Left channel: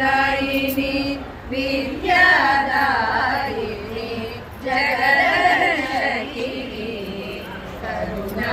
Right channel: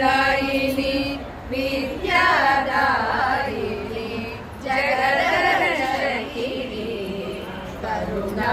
ದಾಯಿನಿ Vidyadayini ಜಗದರ್ಶಕಿನಿ Karuna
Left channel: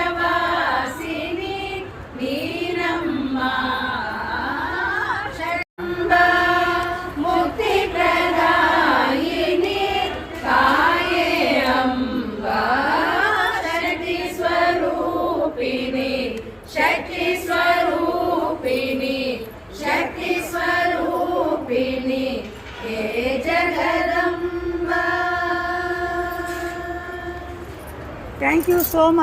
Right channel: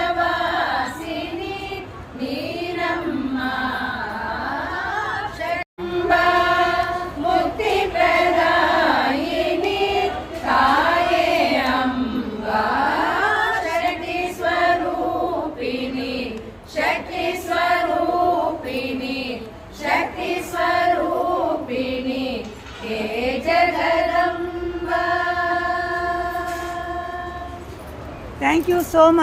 Thank you so much.